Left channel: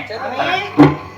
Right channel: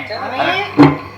உங்கள்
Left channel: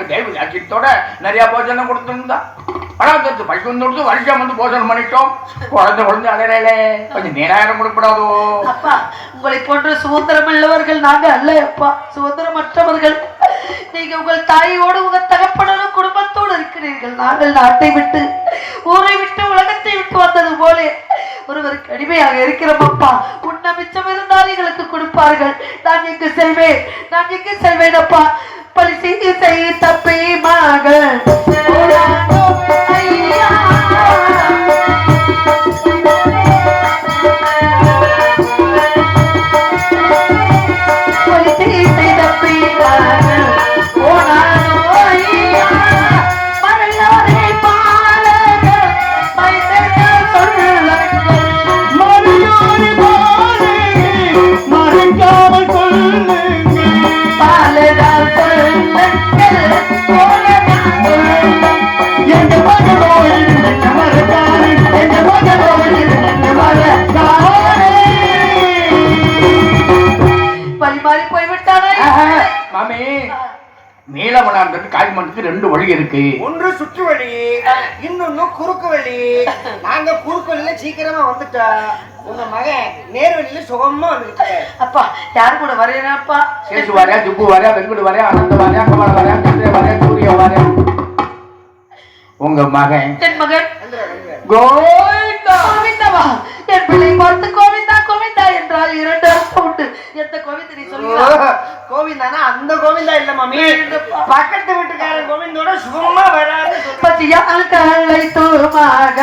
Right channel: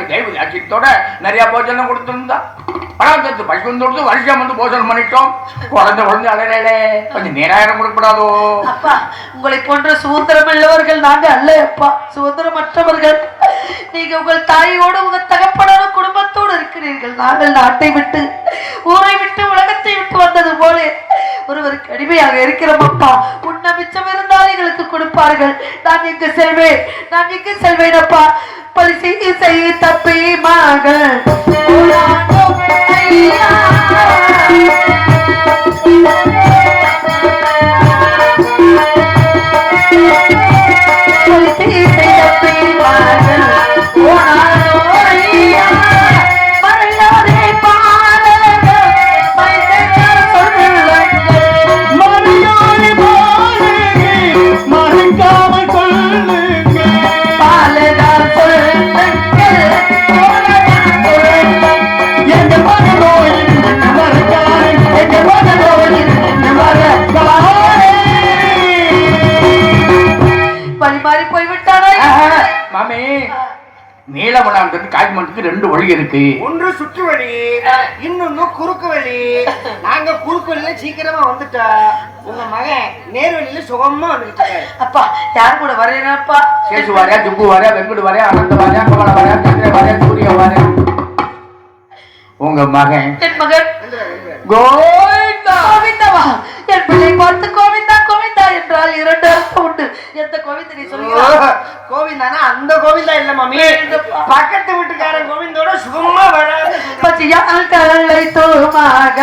எனக்கு தெய்வ அச்சித்தோட நிறைய போஜனம் கொடுத்துருந்தா. பணம் பசி தொடுத்து வருஷம் வந்து போஜனம் பண்ணிட்டோம். குழந்தை குழந்தை அழகே கொஞ்சம் நேராயிரம் கொடுக்கூடாதோ அப்பா உங்களை போன்ற சுதந்திரம் உள்ளவர்கள் நாங்க அல்ல அப்பா. சுதந்திரமற்றவர்கள். நீங்க உங்கள் தாயோடு உங்க தகப்பனோட குடும்பத்தோடு இருக்கிறீர்கள். நாங்கள் நாட்டை விட்டு ஊரை விட்டு உலகத்தை விட்டு வந்தது போல ஒருவருக்கு அடிமையாக இருக்கிறோம் அப்பா. உன்ன மிச்சம் இருந்தால் எங்களுக்கு கொடுப்பார்கள். நான் எங்கு செல்வேன். நான் எங்கு செல்வேன் அப்பா. பரிசை செய் தப்பி மகள் காய்மண்டத்துக்கு ரெண்டு வழி இருக்கு. ஒன்று சுற்று வழி இன்னொன்னு குறுக்கு வழி. நாங்க குறுக்கு வழியில சீக்கிரமா வந்துட்டோம் உங்க மகன் நேர் வழியில சுகமா வந்துகிட்டு இருக்காரு. அப்பா யார் கூட வரையனப்பா சேசு வாரியா ஜுப்பு வாரியா வெங்குடு வாரியா அனந்த வாரியா குமார வாரியா சந்திர வாரியா சூரிய வாரியா. உங்க மகன் என் மகன். கோவிந்தா. கோவிந்தவா? என் பிள்ளை பார்த்து கோவிந்தா கோவிந்தா என்றால் இரண்டு அர்த்தம் உண்டு. எந்த கோவிந்த நீ ஓ, சொல்லுகிறாய் கோவிந்தானா? அந்த கோவிந்தா இல்ல மாமி. பக்கத்து வீட்டுக்காரன் கோவிந்தோட சுகமா வராது கல்லை தோமாக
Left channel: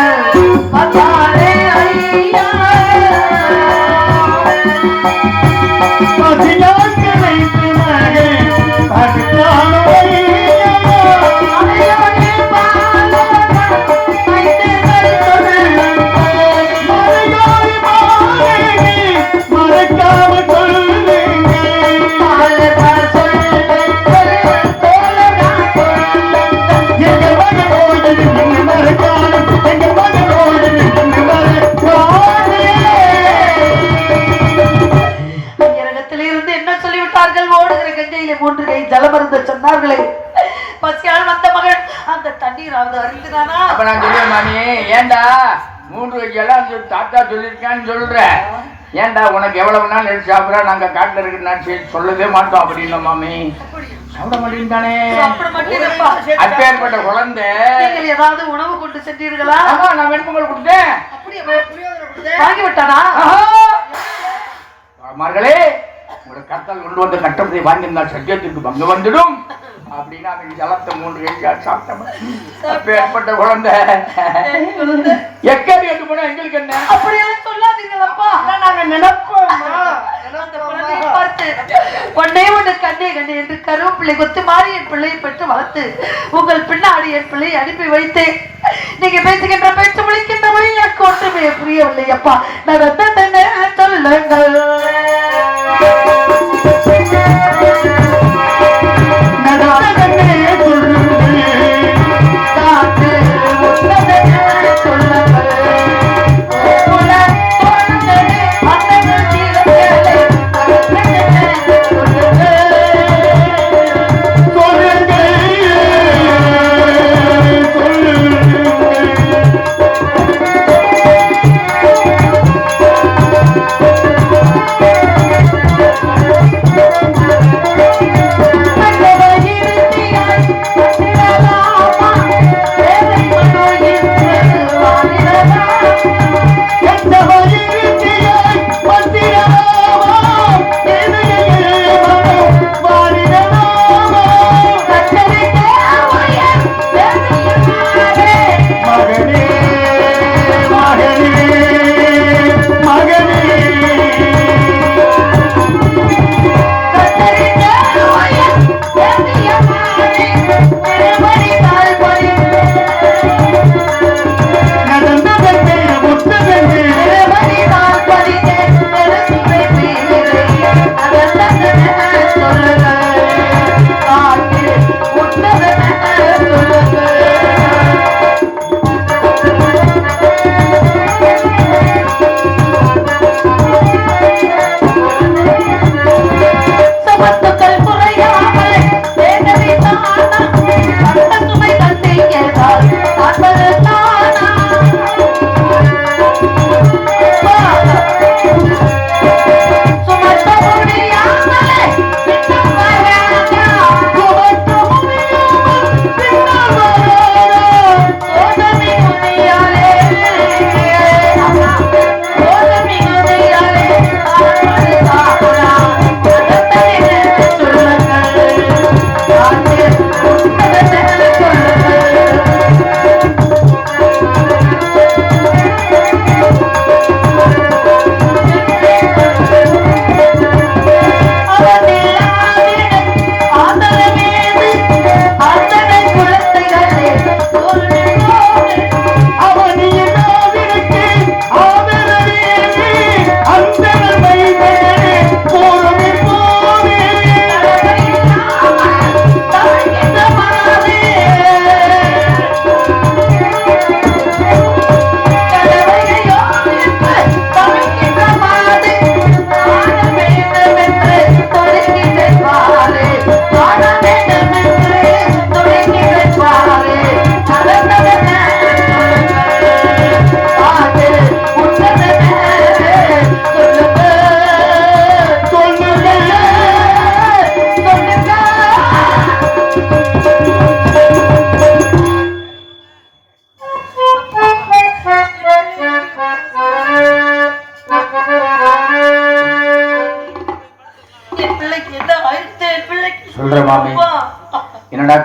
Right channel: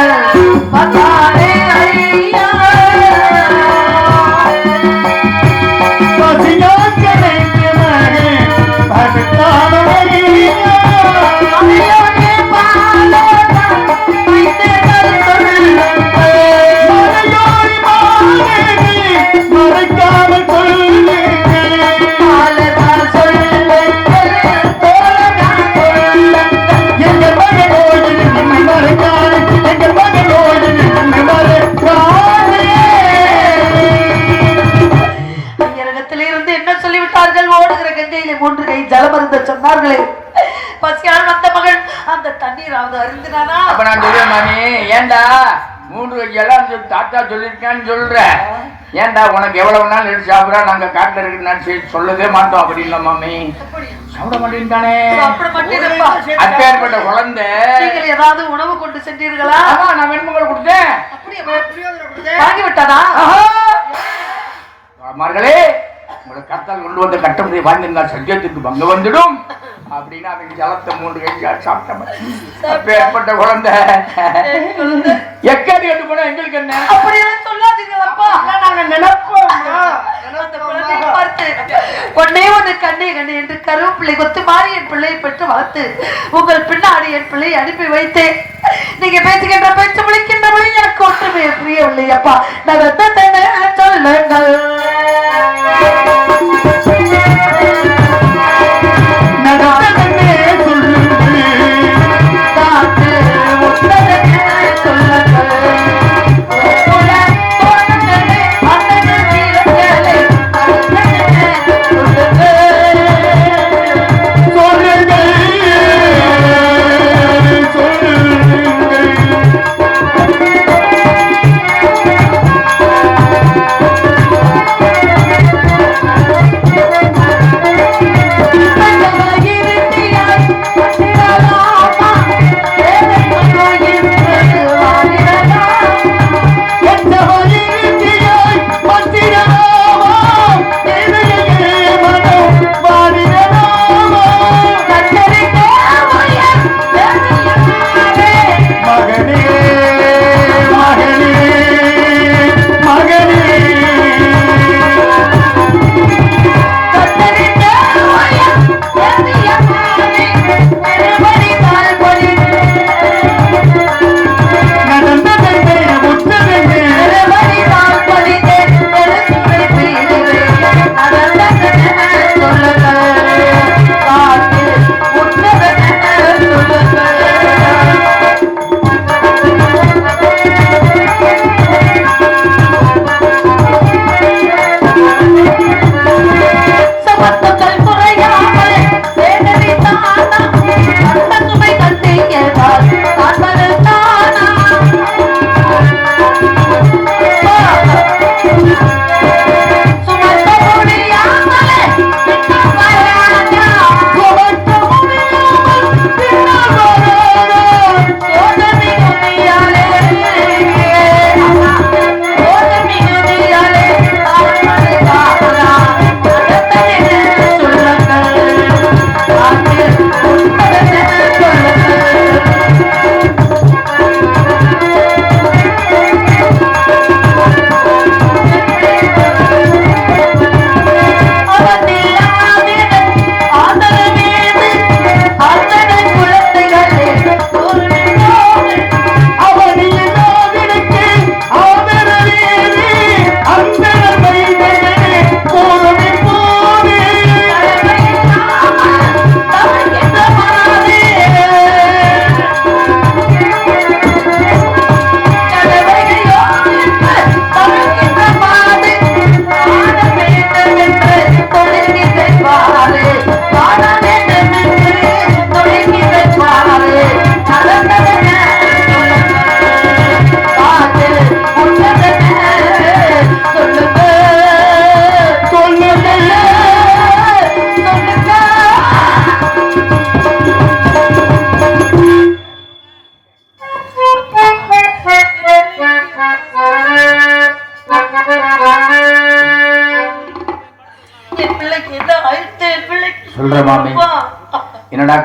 நாங்க காட்டுல இருக்கு நான் சரி சொல்லவே மாட்டோம். அப்படின்னு மாமி. சாப்பிட மாட்டேன்டானே அப்பேற்பட்ட குழந்தை. ஏதாவது உணவு கொண்டு சென்றீர்களா? நான் வெண்பொங்கல் கொடுத்தேன். அப்படியா? புளியோதரை கொடுத்தேன். வாங்கி விட்டானா மகளே உங்களுக்கு கத்தால் கொண்டு வந்த கட்டணத்தை வாங்கியிருந்தால் சத்தியத்துக்கு பங்கு வந்துடும். அப்படின்னா ஜலத்தை மூன்று கைக்கா சாப்பிட்டோம் அப்பேற்பட்ட குழந்தை. எக்கடி எட்டு போனா எங்களுக்கு என்ன? அப்படியெல்லாம் சொல்லாதீங்களப்பா நாங்க நினைப்போம்மா அந்த குழந்தையை பார்த்து ஒன்னே ஒண்ணு கண்ணே கண்ணே என்று கருவேப்பிள்ளை கொத்து மாறி என் பிள்ளையை பெற்று வளர்த்து உங்கள் பின்னாடி என் பிள்ளையை அனுப்பி வைத்தேன். நீங்க பேசுகின்ற பேச்சு விളിக்கின்றவை எனக்கு ஒன்றுமே புரியவில்லை அப்பா. நடந்ததென்ன சொல்லுங்கள்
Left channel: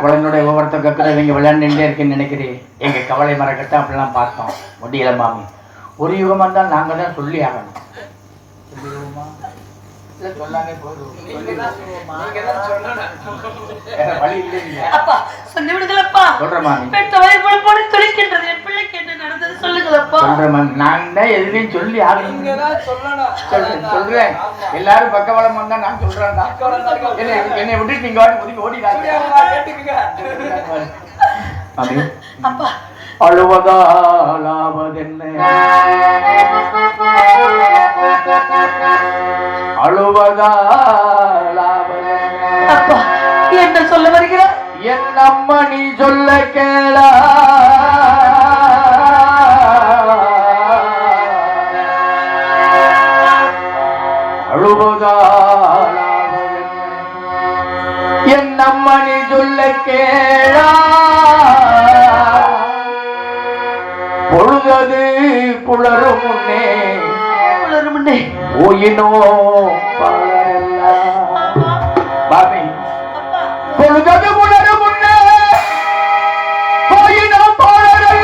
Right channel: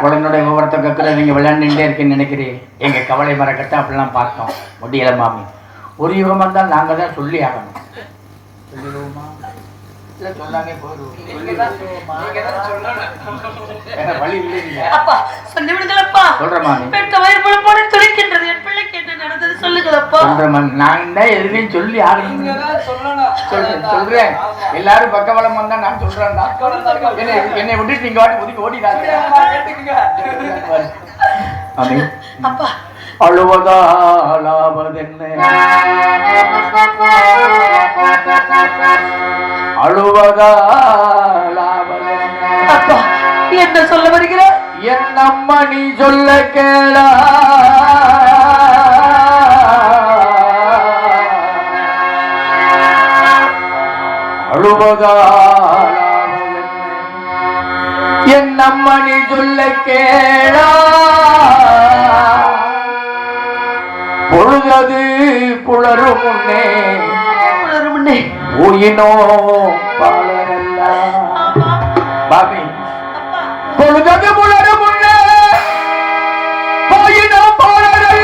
குழந்தைய குழந்தையுடைய கூட நீங்கள் விளையாண்டுட்டே இருக்கேன்னு நினைக்கிறேன் எங்க கவலை மறக்கட்டும் அப்படிலாம் பார்த்தோம். முடியல மாமி. ஒரு யுகமாக தான் நாங்கள் தான் சொல்லி ஆகணும் அப்பா சொல்லி விடுங்களப்பா சொல்றேன் மாமி பெற்ற வயிறு போல போல துடிக்கின்றது என் பிள்ளைக்கு என்ன நடந்தது சொல்லுங்களப்பா. சொல்றேன் நான் தான் எதுலையும் சொல்லி ஆகணும் சொல்றேன் சொல்றேன். எல்லாரும் பக்கபலமா தான். நான் சொல்றேன்டா என்னை என்னை விட்டுட்டு நீங்க ஓடிடாதீங்க. மாமி அப்பா அழுவதாலாவதென்ன? அழுவதாலாவதென்ன? என்ன சொல்ல வருகிறார் என் அம்மா நீ சொல்ல கேளா? அழுவதாலாவதென்ன? என் அம்மா நீ சொல்ல கேளா? பொழுது புலரும் உயினோ பாபி. பொழுதது புலரும் உயினோ பொழுது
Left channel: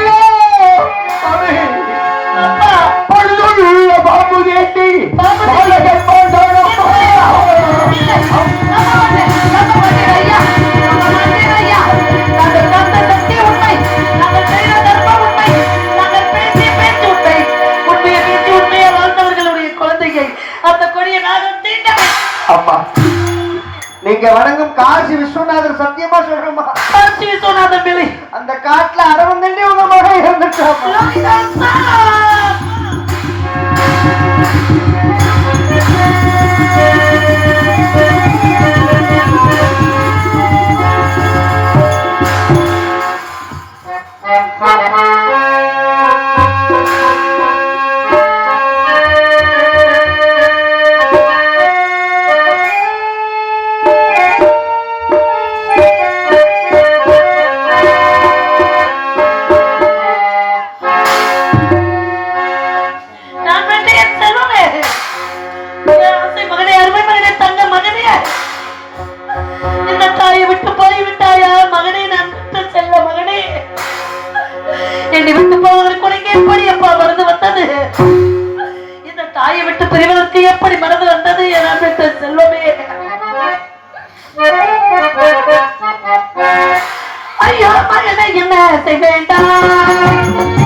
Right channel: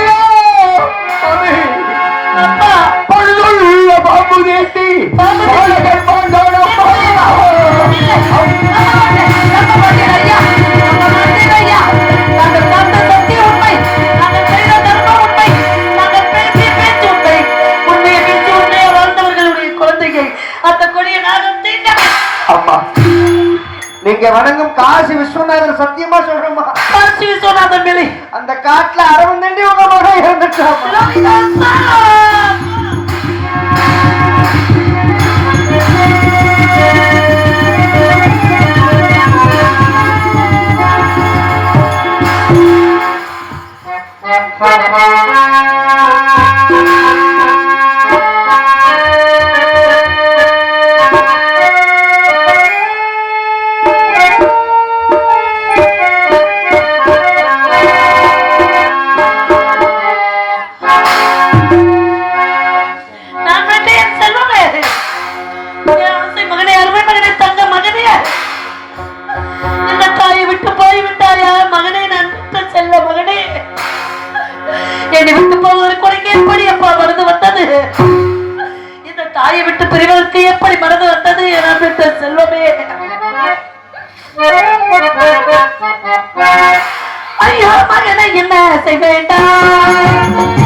பொழுதுள்ள பாம்பு கேட்டி. பாலகர் அம்மா நீங்க வணங்கும் காசி விஸ்வநாதர் சத்தியமா சொல்றோமா அந்த காட்டுல அரவம் தண்டி உங்க மகன் இருந்துட்டு தாயை விட்டு பிரிவதற்கு எப்படி மறந்து வந்தது? என பெற்ற செல்வமே? ஐயோ மகனை என்ன செய்ய வேண்டாம்?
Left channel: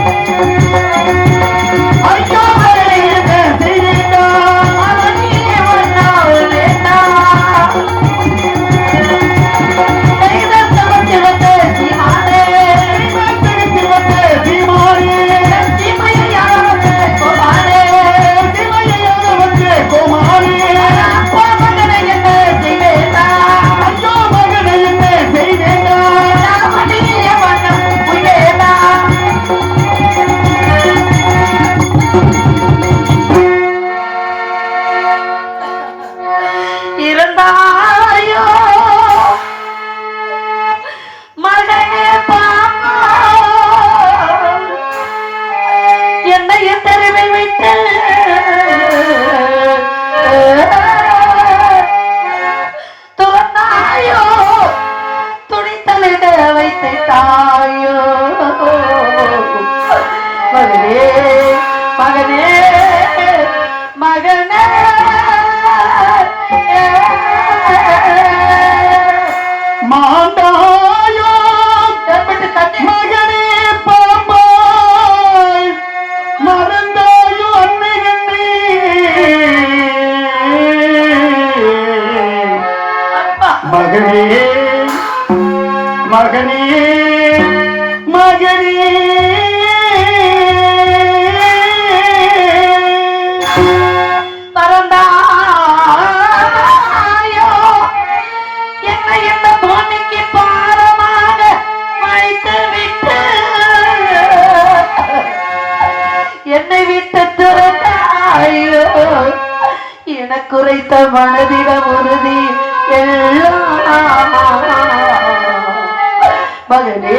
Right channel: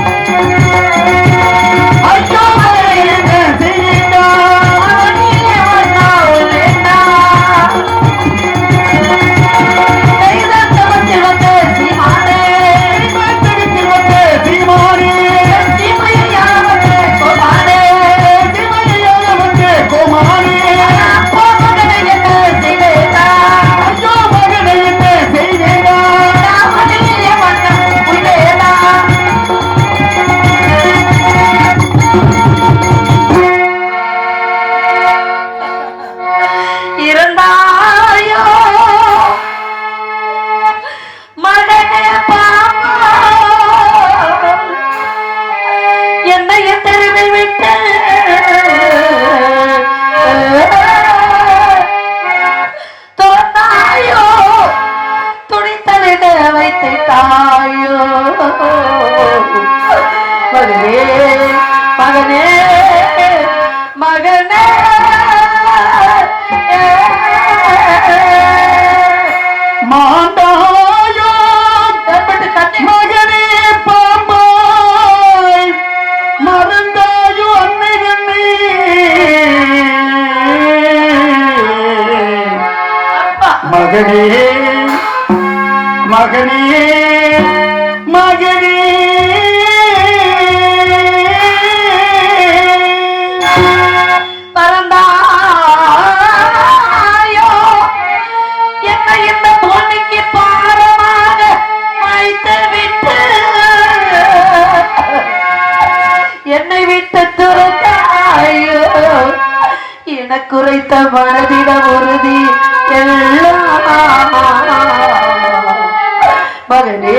குறைத்த மனதிட உறுதி. எல்லாம் மகனே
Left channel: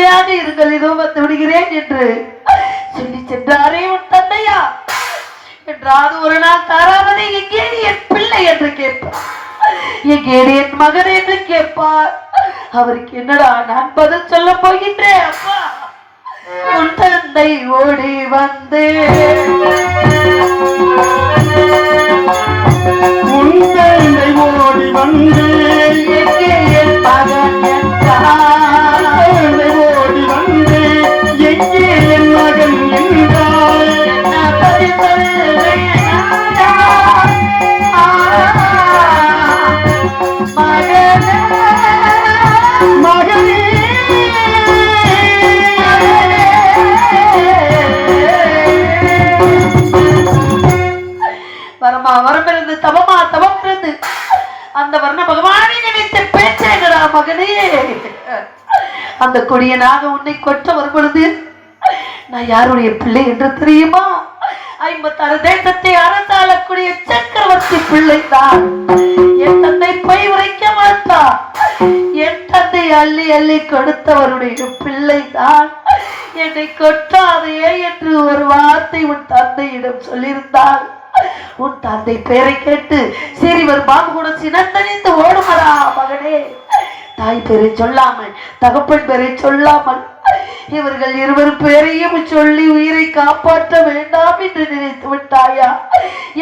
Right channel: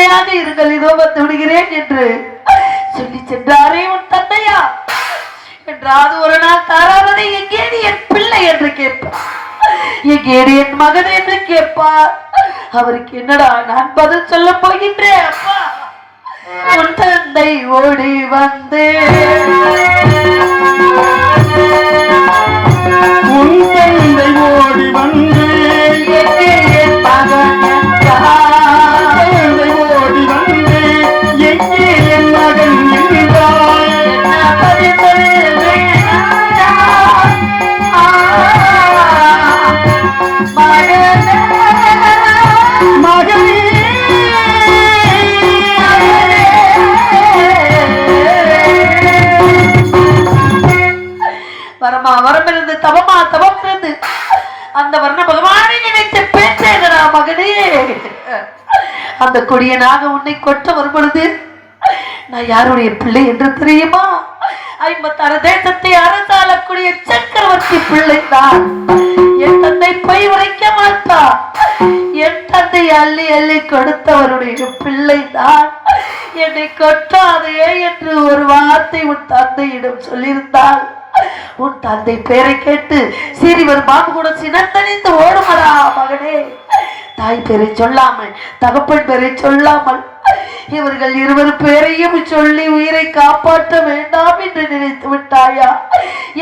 ஒருவர் இருங்கள் இதோ வந்து விடுகிறேன் என்று சொல்லி சென்றாரே உன் தந்தையா என்றாவது ஒரு நாள் தாராதனை எங்கேடி என் பிள்ளை? என்று கேட்பார். எங்கேடி என் மகன்? என்று கேட்பார். அவருக்கு என்னடா நான் பதில் சொல்ல போகின்றேன் அப்பா? உன் தந்தை ஓடி வந்து வரமா வரம் இருந்து தவமா தவம் இருந்து அந்த வர்ண பகவானை நினைத்து பேச்சேகரா மகனே? அந்த கொடியனாக உன்னை கொட்ட வரும் பொழுது நான் யாருடைய பிள்ளை என்று தெரியுமா? ஐம்பத்தாறு தேசத்தை அரசாளக்கூடிய சக்கரவர்த்தி பிள்ளை தான். என் தந்தை பை உரைக்க மாட்டா என் தந்தை அள்ளி அள்ளி கொடுத்தவருடைய பிள்ளை தான். என்னை கொட்டாதே என்று ஒரு வார்த்தை உன் தந்தையிடம் சொல்லியிருந்தாள் உன் தந்தை பெயரை கேட்டு சிறிவர் பாபு கூட சினந்தணிந்து ஓடுவரா மகனே. தாய் பேரை சொல்லாமல் தகப்பன் பேரை சொல்லாமல் இவர்கள் இருவர் பேரையும் சொல்லி உயிரை காப்பாற்ற வேண்டாம் என்று நினைத்து விட்டாயா?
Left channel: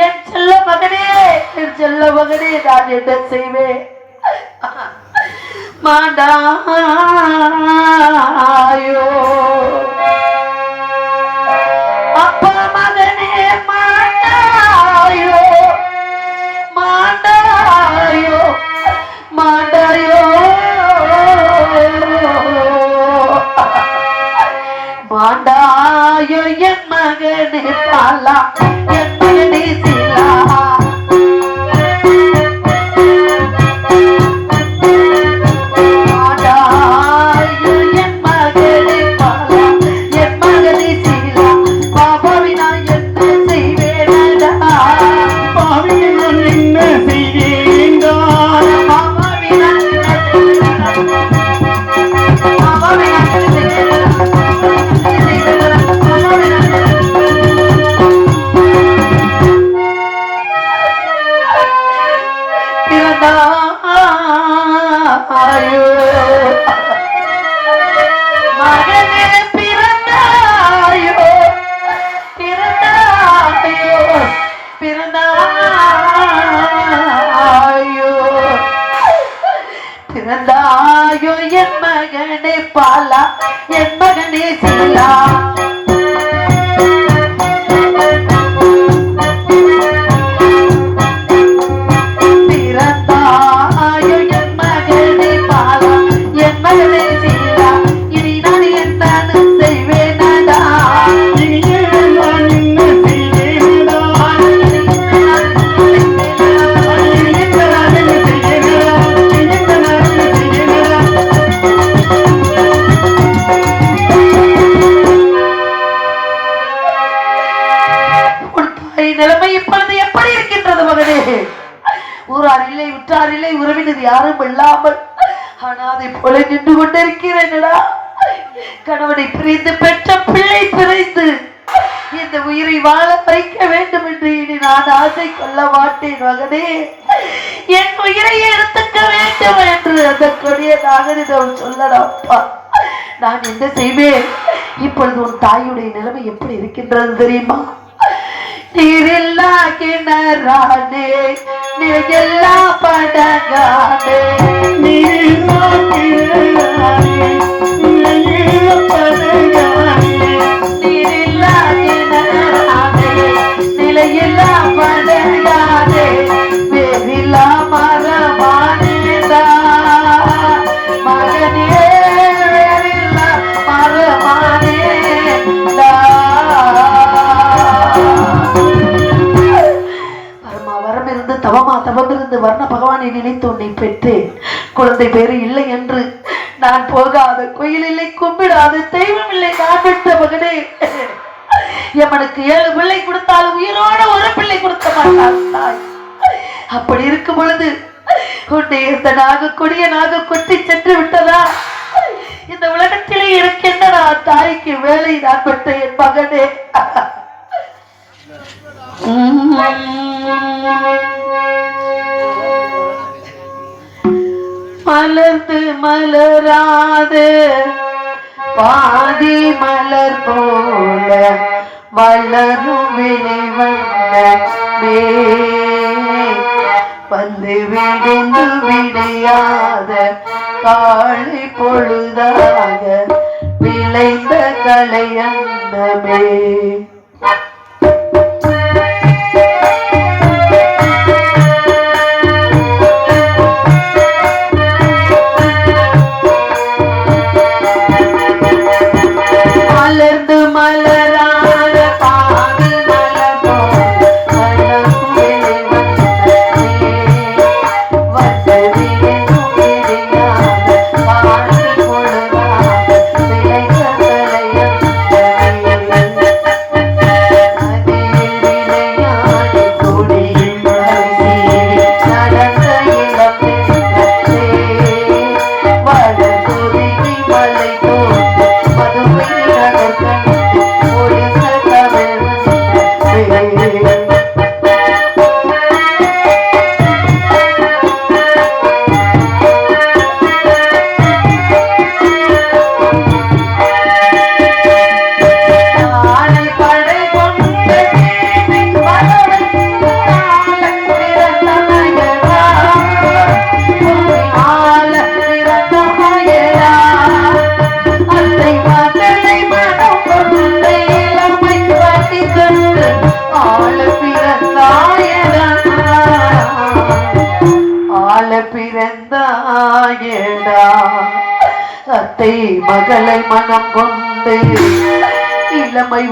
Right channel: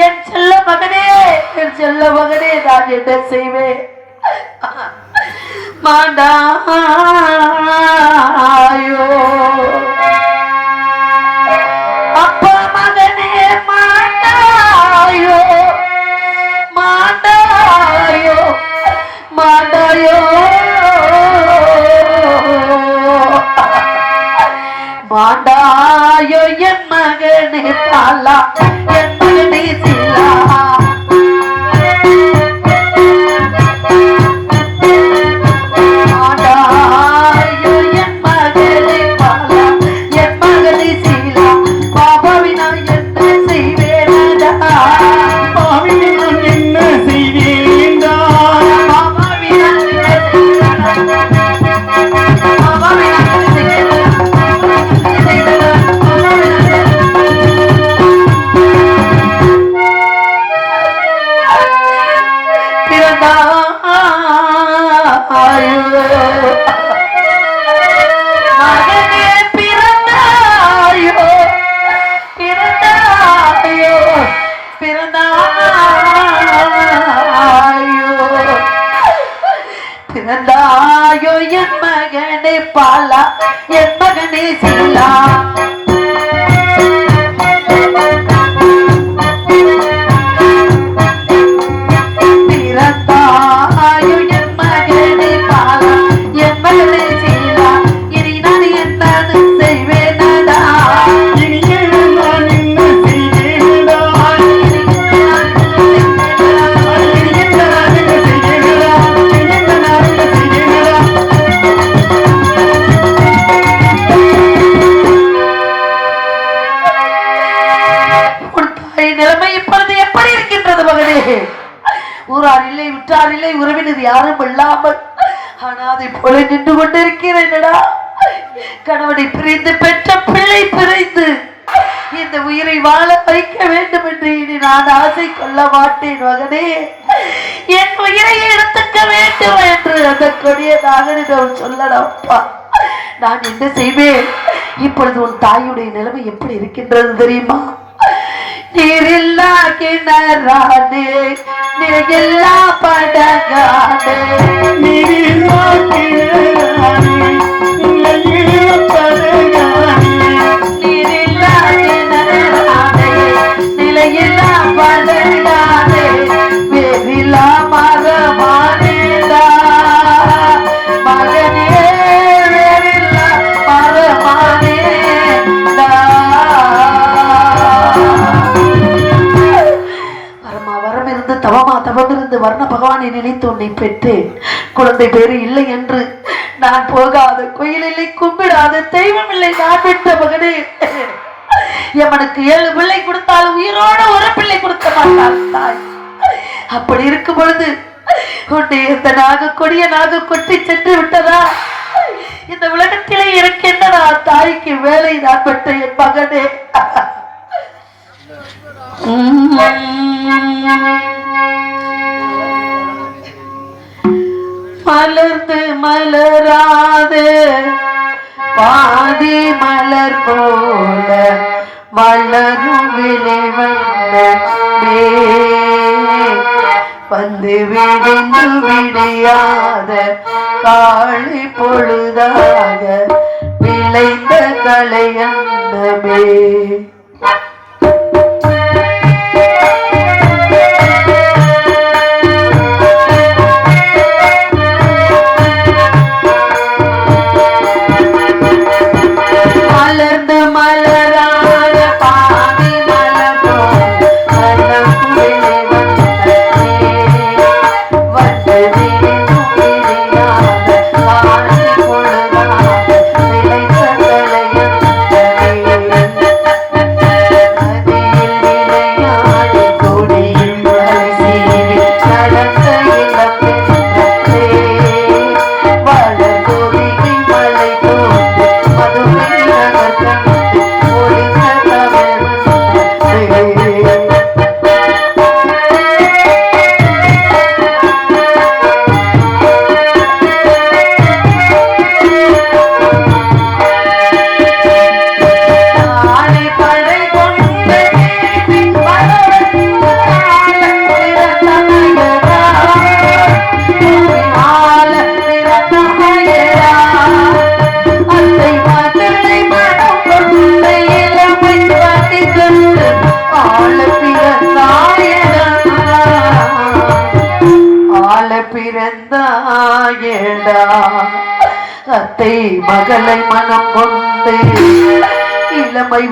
என் செல்ல மகனே என் செல்ல மகனே நான் என்ன செய்வேன்? மாண்டாயோ. உற்றார் இல்லை உற்றார் இல்லை உறவினர் யாரும் இல்லாமல். அனாதை போல நின்று கொண்டிருக்கிறேனடா. கணவனை பிரிந்து பெற்ற பிள்ளை பிரிந்து இந்த உயிரை வாழ வைக்க வேண்டும் என்று இனி நான் ஆசை கொள்ள மாட்டேன் மகனே. என் உயிரை எடுத்துக்க வேண்டும் என்று அந்த கொடிய நாகனிடம் சொல்லடாப்பா நான் என்ன செய்வேன்? இப்பொழுது உன் தாயுடைய நிலைமை எப்படி இருக்கின்றது தெரியுமா? ನೀರಿಲ್ಲ ಕಿಣರಾನೆ ನೀಗೆಲ್ಲ ಪಡಗಾನೆ ನೀರೋ ಕಿಣ தவமா தவமிருந்து வர்ண பகவானை நினைத்து உன்னை பெற்றேன். குழந்தை பேரு இல்லை என்று நான் போகாத. கோயில் இல்லை கும்பிடாத. தெய்வம் இல்லை நான் பெற்ற மகனே. எவனுக்கு ஏழு பிள்ளை கொடுத்தாலும் உயிரோடு ஒரு பிள்ளை கொடுக்க மாட்டான் தாய். அப்படி இருக்கும் பொழுது உன்னை இந்த நாக கொடிய நாக கொட்டி சென்று விட்டதா? இந்த உலகத்திலே எனக்கு என்னடா தாய்க்கு வேலை? நான் பெற்ற என் மகனே. மலர்ந்து மலராது. பாதி மலர் போல மலரும் விலை வந்தே வந்து விடிந்து விடையாத காளி பொழுதாக விளைந்த கலையந்தமே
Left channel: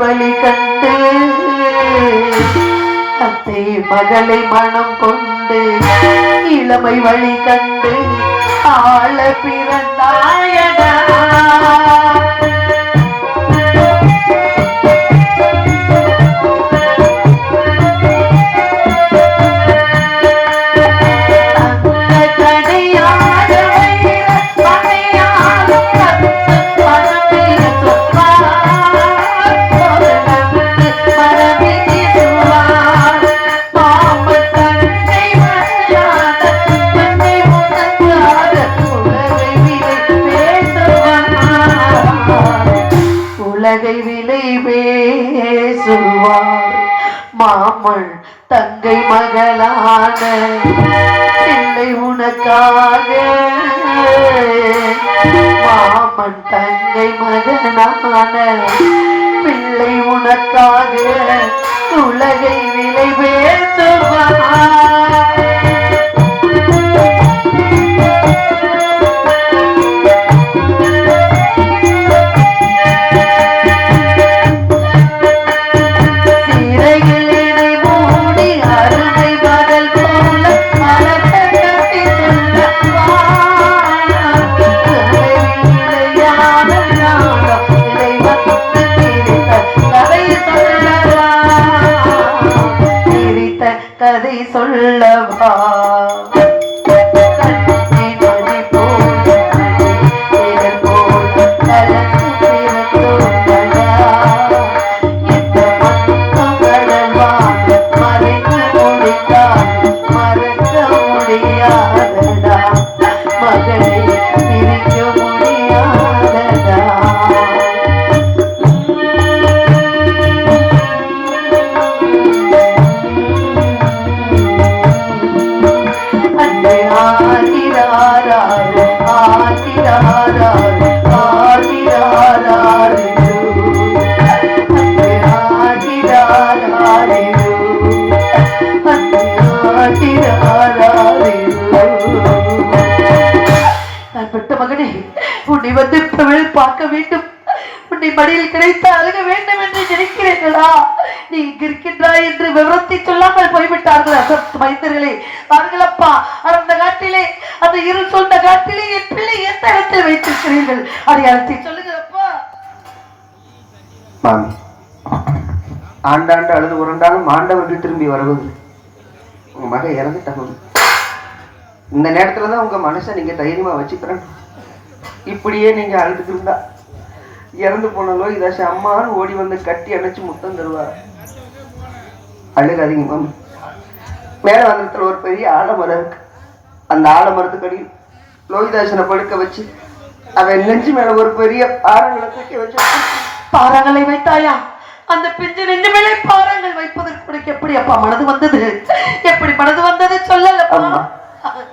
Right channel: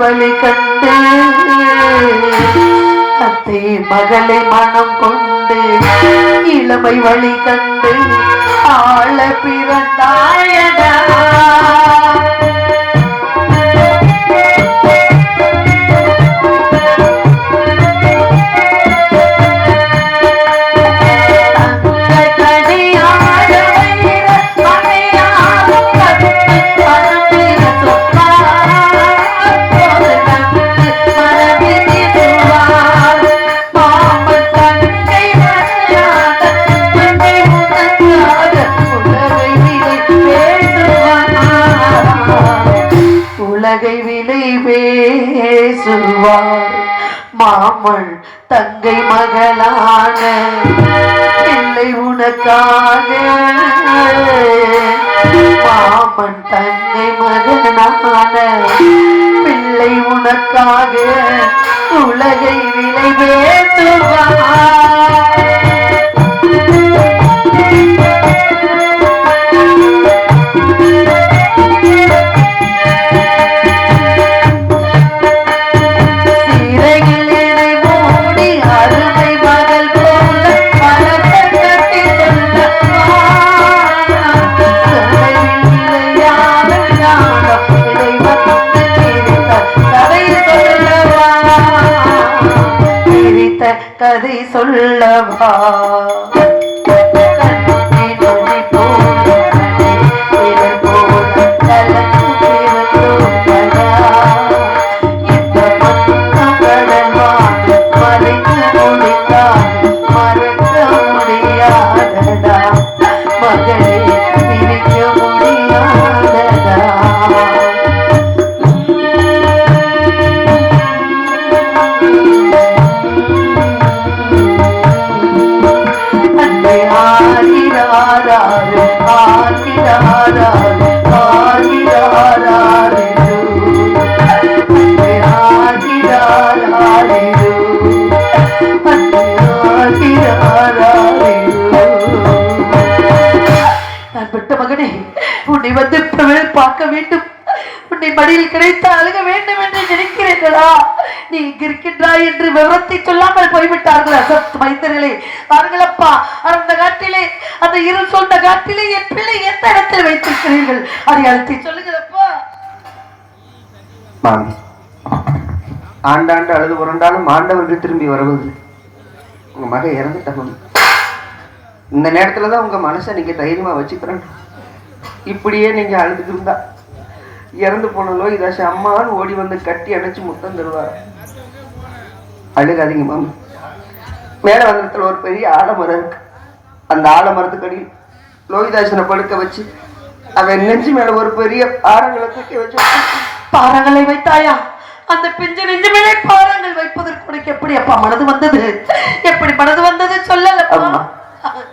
இளமை வழி கண்டு அத்தை மகளை மனம் கொண்டு இளமை வழி கண்டு ஆள பிறந்தாயடா உன்னை வந்து இப்பவே பார்க்க வேண்டும். உன்னை மடியில் கிடைத்து அழுக வேண்டும் என்று நினைக்கிறீர்களா? நீ இங்கு இருக்கின்றாய் என்று விவரத்தை சொல்லாமல் போய்விட்டார்கள் அசத் மைந்தர்களே. நாங்கள் அப்பா அந்த காட்டிலே அந்த இரு சொன்ன காட்டிலே என் பிள்ளை எந்த இடத்தில் வைத்திருக்கிறீர்கள்? அடையாளத்தை சொல்லுங்கப்பா அப்பா ஆண்டாண்டு அல்லது உரண்டாலும் ஆண்டவர்கள் திரும்பி வருவது. உங்க மக இறந்துட்டாங்க இந்த நேரத்துல தான் உங்க மனசை நீங்க தைரியமா வச்சுக்கிறேன். இப்படியே நீங்க அழுதுட்டு இருந்தா இறந்து போன நோய் தாசி அம்மான்னு ஓடி வந்து கட்டி அணைச்சு முத்தம் தருவார். அழுகாதீங்க மாமா. மேல வந்தத்துல ஒரு பெரிய ஆலமரம் இருக்கு. அந்த ஆலமரத்துக்கு அடியில் லோகிதாசனை படுக்க வச்சு அவன் நெஞ்சு மேல ஒரு பெரிய ஆறுகளை தூக்கி வச்சு பாறங்களை வைத்தாயா? அந்த பிஞ்சு நெஞ்சு மேலே பாறங்கள் வைப்பதற்கு உனக்கு எப்படி அப்பா மனது வந்தது? எப்படி மனது வந்தது சொல்லல அம்மா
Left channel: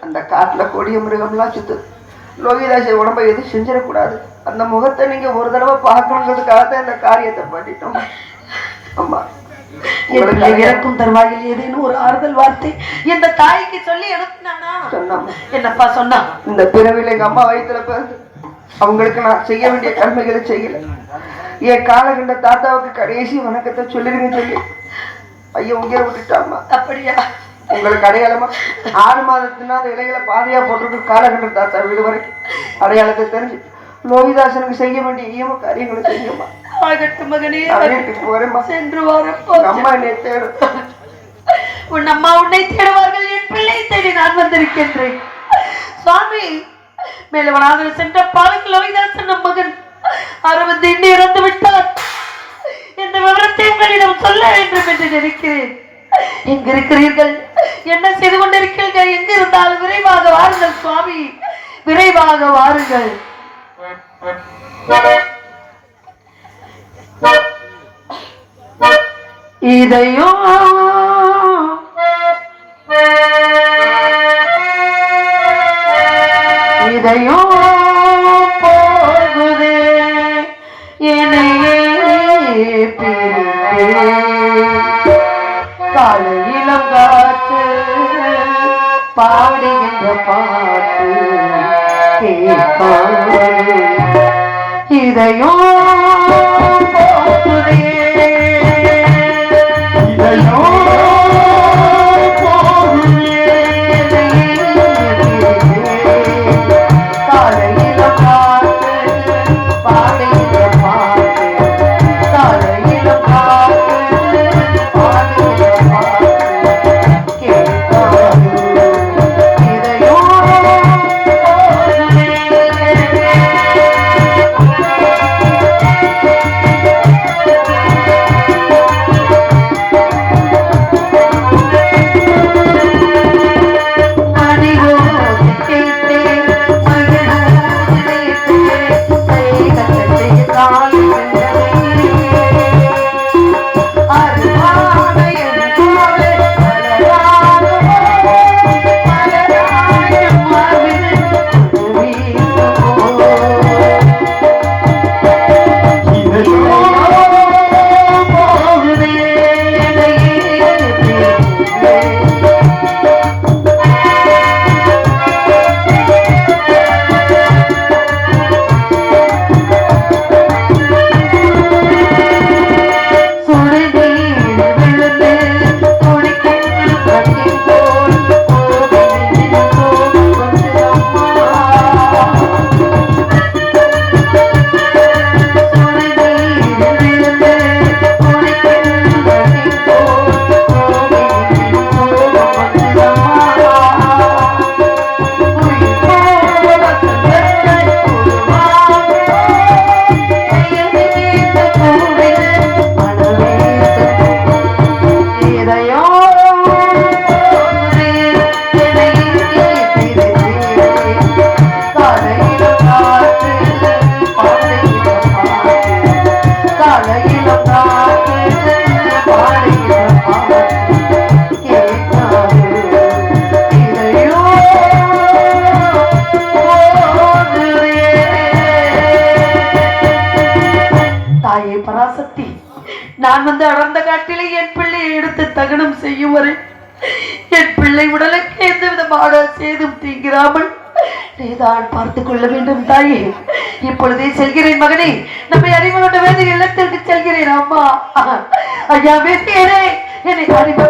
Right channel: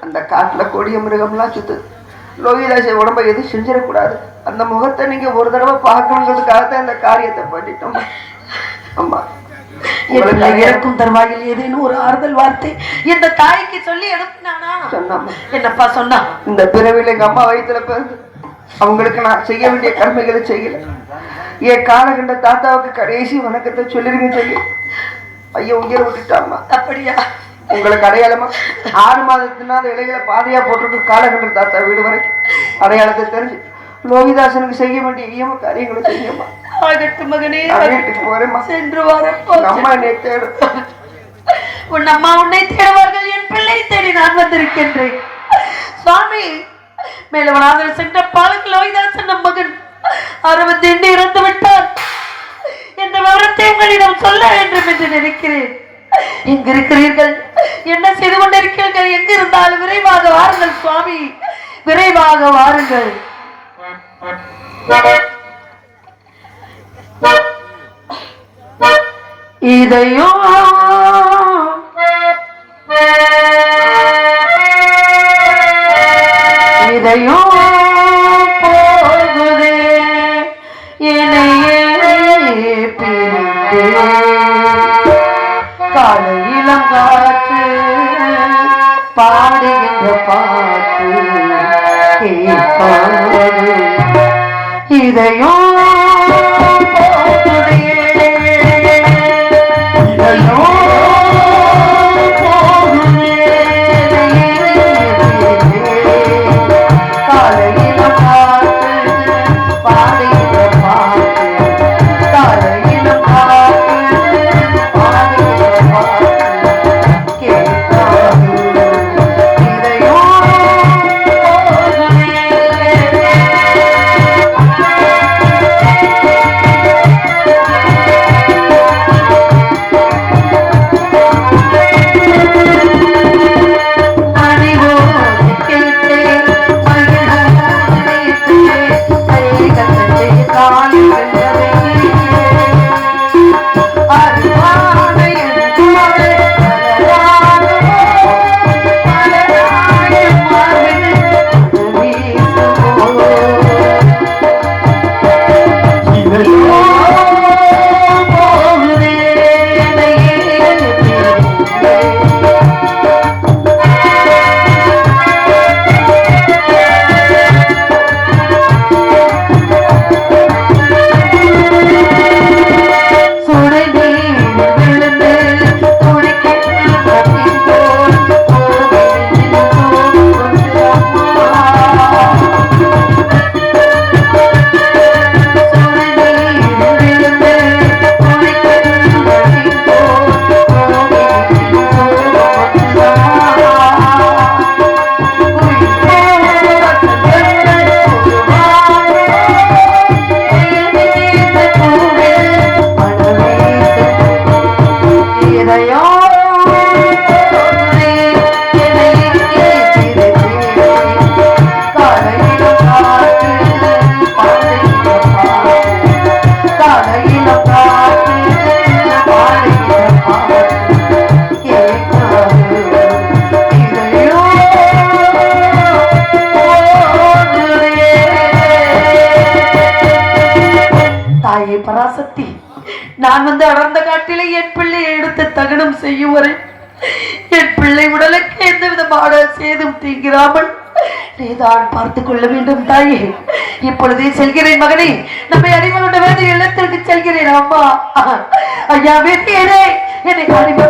அந்த காட்டுல கொடிய மிருகம்லாம் சுத்து லோகிதாச உடம்ப எதுவும் செஞ்சிடக்கூடாது. அந்த முகத்தை நீங்க ஒரு தடவை பார்க்கணுங்கிறதுக்காக தான் இந்த காரியத்தை பண்ணிட்டோம். அம்மா என்னுடைய இறக்கும் தருவாயில் ஏதேனும் ஒரு ஆறுதல் வார்த்தை? இந்த தாய்க்கு சொல்லி அனுப்பினானா சொன்னாம்மா. என்னப்பா சொன்னா? இந்த பிறவில எங்க அம்மா வயித்துல பிறந்து அவங்களுக்கு நான் செய்ய வேண்டிய கடமைகளை செய்யல. என் காலகண்ட தாத்தாவுக்கு கடைசி வணக்கத்தை சொல்லிருங்க சொல்லி. ஐயன் உயிரை விட்டுட்டாம்மா. அப்படியா? உங்களுக்கு அடையாளமா? ஆறு மாதத்துனா அந்த இலைகளை பாதையா போட்டிருக்கு காலகண்ட தாத்தா வீடு வரைக்கும். அடையாளத்தை தெரிஞ்சு. லோகிதாசனுக்கு செய்ய வேண்டிய ஈம காரியங்களை செய்யமா ஆகட்டும் மகனே நான் வீட்டுக்கு போறேம்மா. சென்று வரப்போ எங்க அம்மா என்னை தேடும். உன் அம்மா உன்னை தேடுவார்கள் என் பிள்ளை தேடி நான் வந்திருக்கின்றேன். சுவாமி மேலவனாக சென்ற பாலுக்கு லோகிதாசன் நம் மகன். அறுபத்தி இறந்து விட்டார் என்ற விவரத்தை உங்களிடம் சொல்ல வேண்டும் என்று நினைக்கிறேன். இங்க இருக்கிறீர்கள் என்ன செய்து கொண்டிருக்கிறீர்கள்? எங்க இருந்தாலும் விரைவாக வாருங்கள் சுவாமி. விரைவாக வாருங்கள். இதையும் இதையும் கேட்காது பார்த்துக் கொள்ள வேண்டும் தாயே. இப்பொழுதே செல்கிறேன் மகனே. நம்மை அறிவு கொண்ட வேண்டிய இல்லத்திற்கு செல்கிறேன். அம்மா. ஐயா வேண்டியரே என்னை அறிவு